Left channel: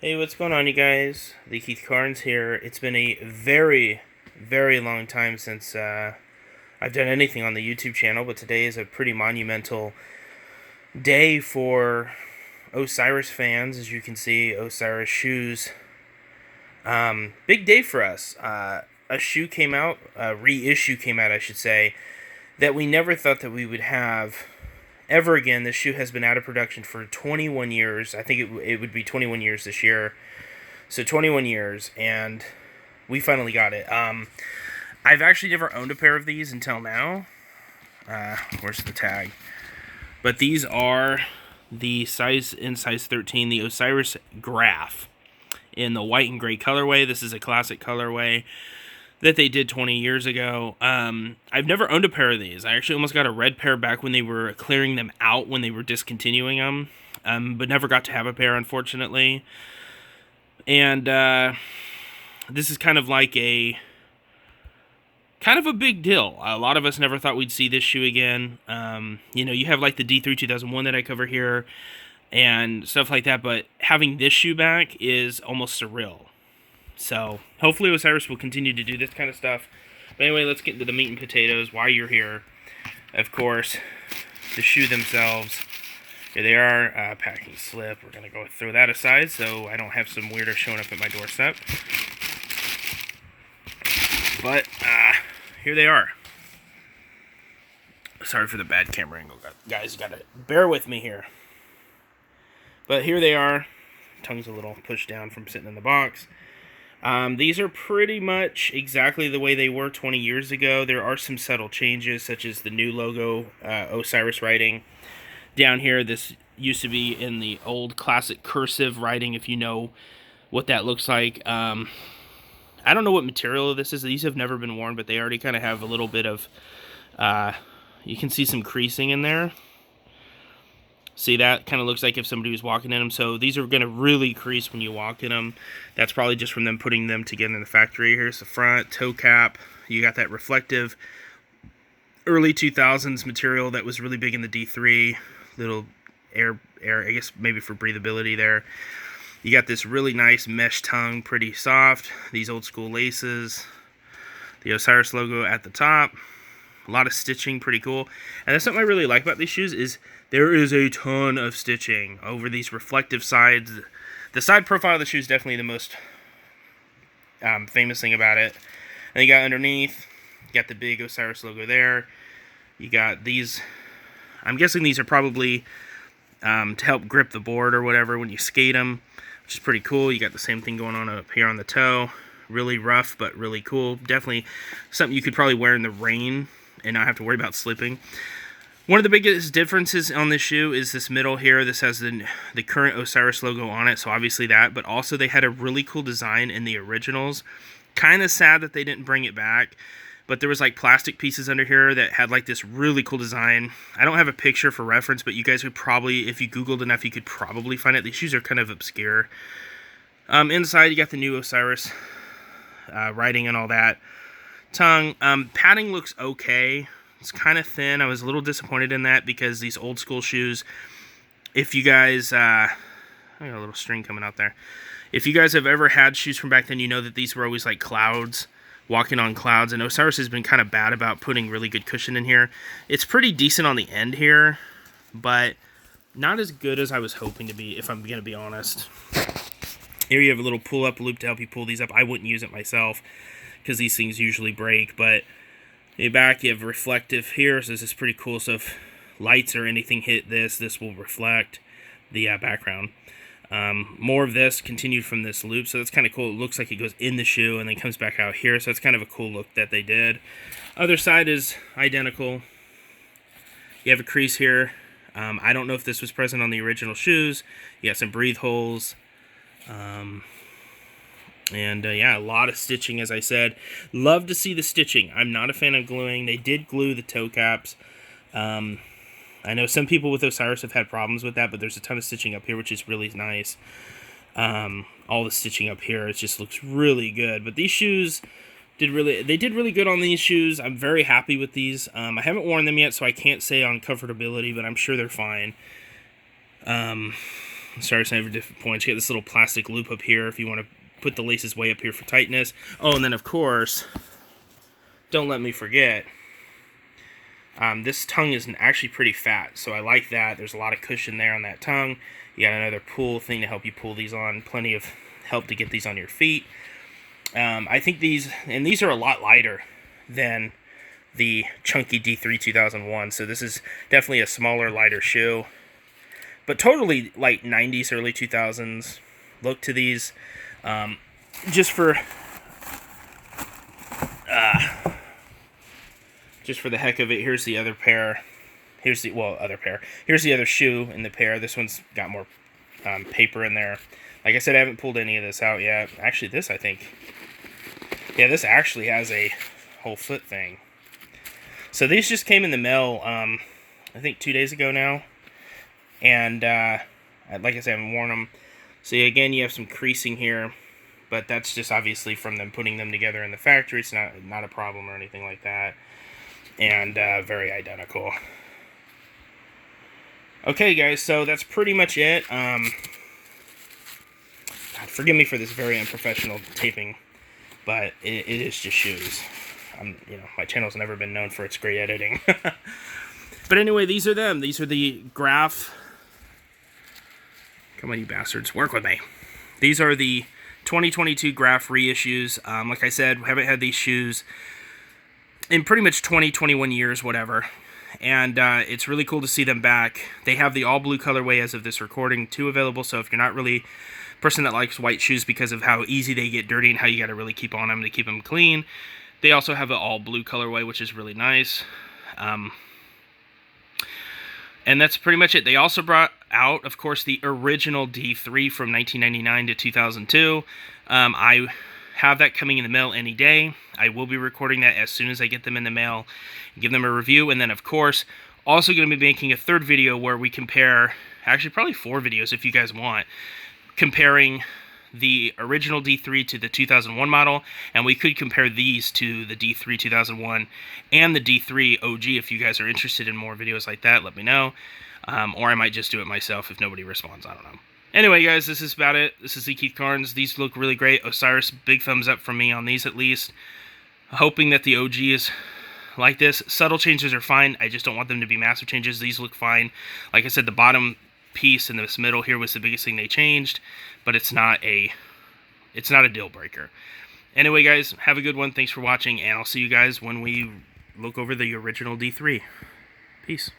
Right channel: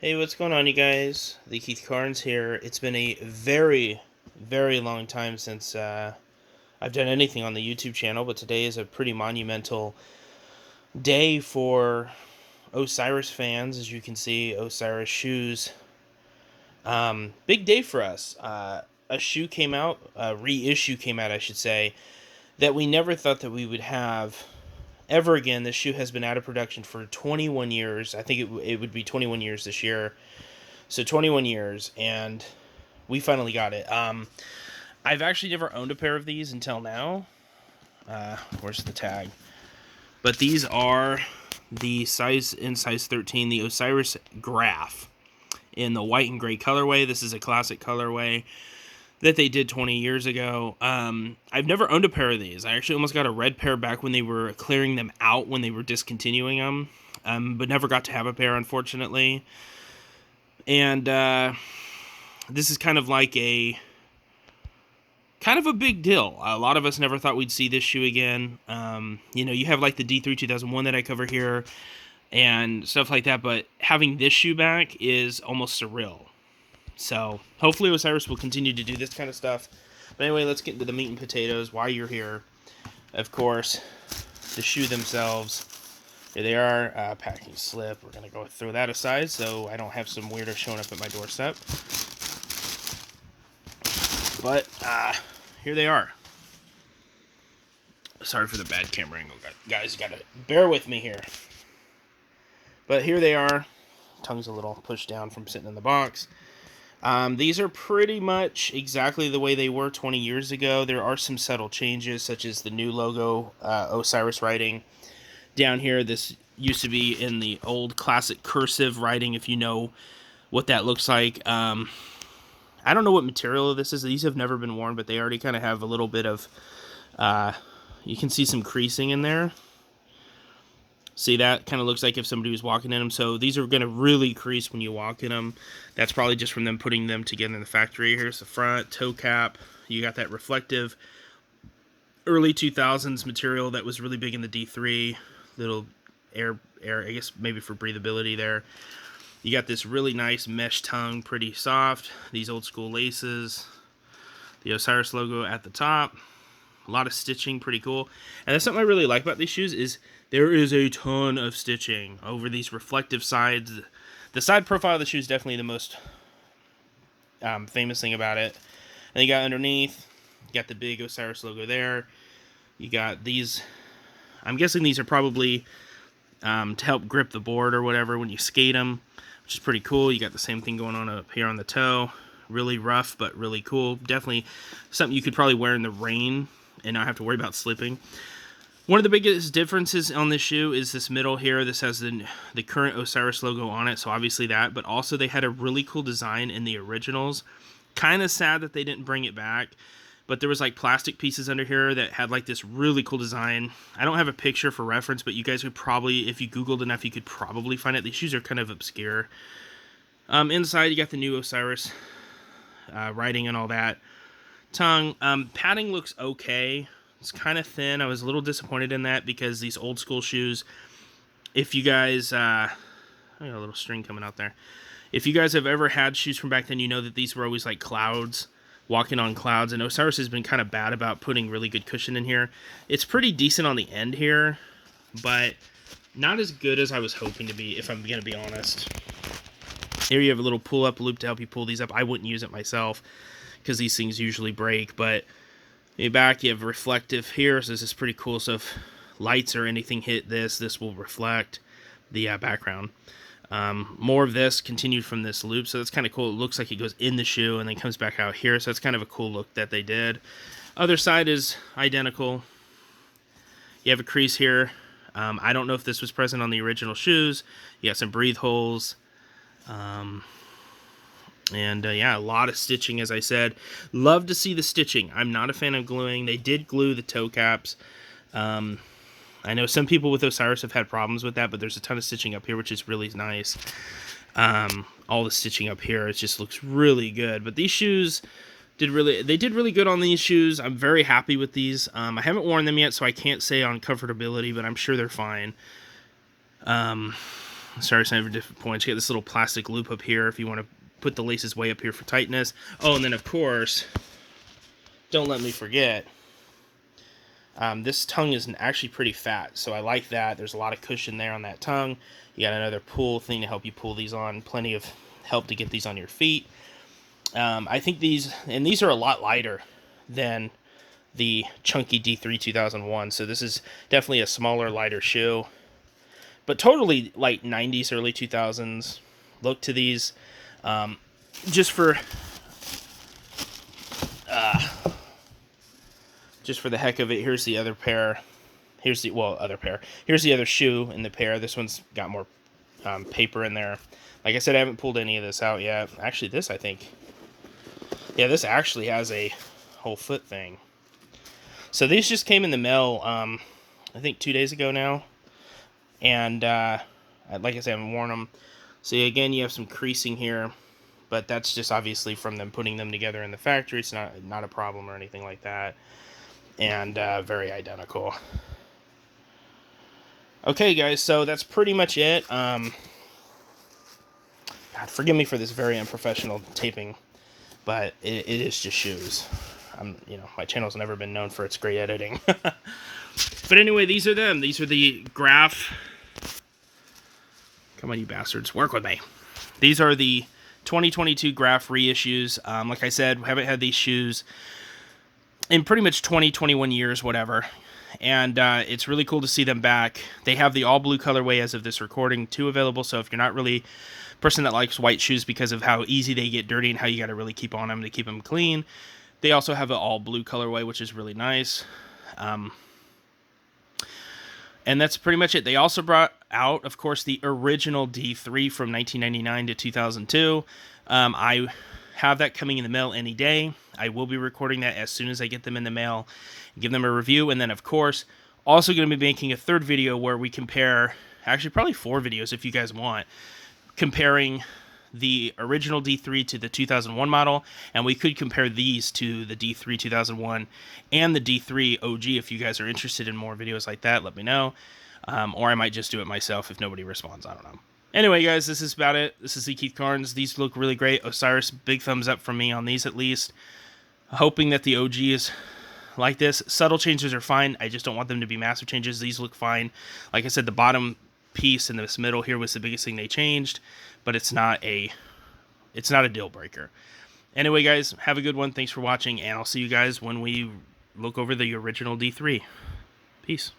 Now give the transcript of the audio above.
Hey, what's going on, you guys? The Keith Carnes here. It's been a very, very long time since I've done anything on the YouTube channel, but today is a pretty monumental day for Osiris fans. As you can see, Osiris shoes. Big day for us. A shoe came out, a reissue came out, I should say, that we never thought that we would have ever again. This shoe has been out of production for 21 years. I think it would be 21 years this year. So 21 years, and we finally got it. I've actually never owned a pair of these until now. Where's the tag? But these are the size 13, the Osiris Graff in the white and gray colorway. This is a classic colorway that they did 20 years ago. I've never owned a pair of these. I actually almost got a red pair back when they were clearing them out, when they were discontinuing them, but never got to have a pair, unfortunately. And this is kind of like a big deal. A lot of us never thought we'd see this shoe again. You have like the D3 2001 that I cover here and stuff like that, but having this shoe back is almost surreal. So hopefully Osiris will continue to do this kind of stuff. But anyway, let's get into the meat and potatoes. Why you're here, of course, the shoe themselves. Here they are, packing slip. We're going to go throw that aside so I don't have some weirdo showing up at my doorstep. But, here they are. Sorry for the bad camera angle, guys. You got to bear with me here. But here they are. Tongue's a little pushed down from sitting in the box. These are pretty much exactly the way they were 20 years ago. There are some subtle changes, such as the new logo, Osiris writing. Down here, this used to be in the old classic cursive writing, if you know what that looks like. I don't know what material this is. These have never been worn, but they already kind of have a little bit of, you can see some creasing in there. See, that kind of looks like if somebody was walking in them. So these are going to really crease when you walk in them. That's probably just from them putting them together in the factory. Here's the front, toe cap. You got that reflective early 2000s material that was really big in the D3. Little air, I guess maybe for breathability there. You got this really nice mesh tongue, pretty soft. These old school laces. The Osiris logo at the top. A lot of stitching, pretty cool. And that's something I really like about these shoes is there is a ton of stitching over these reflective sides. The side profile of the shoe is definitely the most famous thing about it. And you got underneath, you got the big Osiris logo there. You got these, I'm guessing these are probably to help grip the board or whatever when you skate them, which is pretty cool. You got the same thing going on up here on the toe. Really rough, but really cool. Definitely something you could probably wear in the rain and not have to worry about slipping. One of the biggest differences on this shoe is this middle here. This has the current Osiris logo on it, so obviously that, but also they had a really cool design in the originals. Kind of sad that they didn't bring it back, but there was like plastic pieces under here that had like this really cool design. I don't have a picture for reference, but you guys would probably, if you Googled enough, you could probably find it. These shoes are kind of obscure. Inside, you got the new Osiris writing and all that. Tongue, padding looks okay. It's kind of thin. I was a little disappointed in that because these old school shoes, if you guys, I got a little string coming out there. If you guys have ever had shoes from back then, you know that these were always like clouds, walking on clouds, and Osiris has been kind of bad about putting really good cushion in here. It's pretty decent on the end here, but not as good as I was hoping to be, if I'm going to be honest. Here you have a little pull-up loop to help you pull these up. I wouldn't use it myself because these things usually break, but in the back you have reflective here, so this is pretty cool. So if lights or anything hit this will reflect the background. More of this continued from this loop, so that's kind of cool. It looks like it goes in the shoe and then comes back out here, so that's kind of a cool look that they did. Other side is identical. You have a crease here. I don't know if this was present on the original shoes. You got some breathe holes. Yeah, a lot of stitching, as I said. Love to see the stitching. I'm not a fan of gluing. They did glue the toe caps. I know some people with Osiris have had problems with that, but there's a ton of stitching up here, which is really nice. All the stitching up here, it just looks really good. But these shoes did really good on these shoes. I'm very happy with these. I haven't worn them yet, so I can't say on comfortability, but I'm sure they're fine. Osiris at different points. You get this little plastic loop up here if you want to put the laces way up here for tightness. Oh, and then of course, don't let me forget, this tongue is actually pretty fat, so I like that. There's a lot of cushion there on that tongue. You got another pull thing to help you pull these on. Plenty of help to get these on your feet. I think these are a lot lighter than the chunky D3 2001, so this is definitely a smaller, lighter shoe. But totally like 90s, early 2000s look to these. Just for the heck of it, here's the other pair. Here's the other shoe in the pair. This one's got more paper in there. Like I said, I haven't pulled any of this out yet. Actually, this, I think, yeah, this actually has a whole foot thing. So these just came in the mail, I think 2 days ago now. And like I said, I haven't worn them. So again, you have some creasing here, but that's just obviously from them putting them together in the factory. It's not a problem or anything like that. And very identical. Okay, guys, so that's pretty much it. God, forgive me for this very unprofessional taping, but it is just shoes. My channel's never been known for its great editing. But anyway, these are them. These are the Graff. Come on, you bastards, work with me. These are the 2022 Graff reissues. Like I said, we haven't had these shoes in pretty much 20, 21 years, whatever. And it's really cool to see them back. They have the all blue colorway as of this recording, too, available. So if you're not really a person that likes white shoes because of how easy they get dirty and how you got to really keep on them to keep them clean, they also have an all blue colorway, which is really nice. And that's pretty much it. They also brought out, of course, the original D3 from 1999 to 2002. I have that coming in the mail any day. I will be recording that as soon as I get them in the mail, give them a review, and then, of course, also going to be making a third video where we compare, actually probably 4 videos if you guys want, comparing the original D3 to the 2001 model, and we could compare these to the D3 2001 and the D3 OG. If you guys are interested in more videos like that, let me know. Or I might just do it myself if nobody responds. I don't know. Anyway, guys, this is about it. This is the Keith Carnes. These look really great. Osiris, big thumbs up from me on these at least. Hoping that the OG is like this. Subtle changes are fine. I just don't want them to be massive changes. These look fine. Like I said, the bottom piece in this middle here was the biggest thing they changed, but it's not a deal breaker. Anyway, guys, have a good one. Thanks for watching, and I'll see you guys when we look over the original D3. Peace.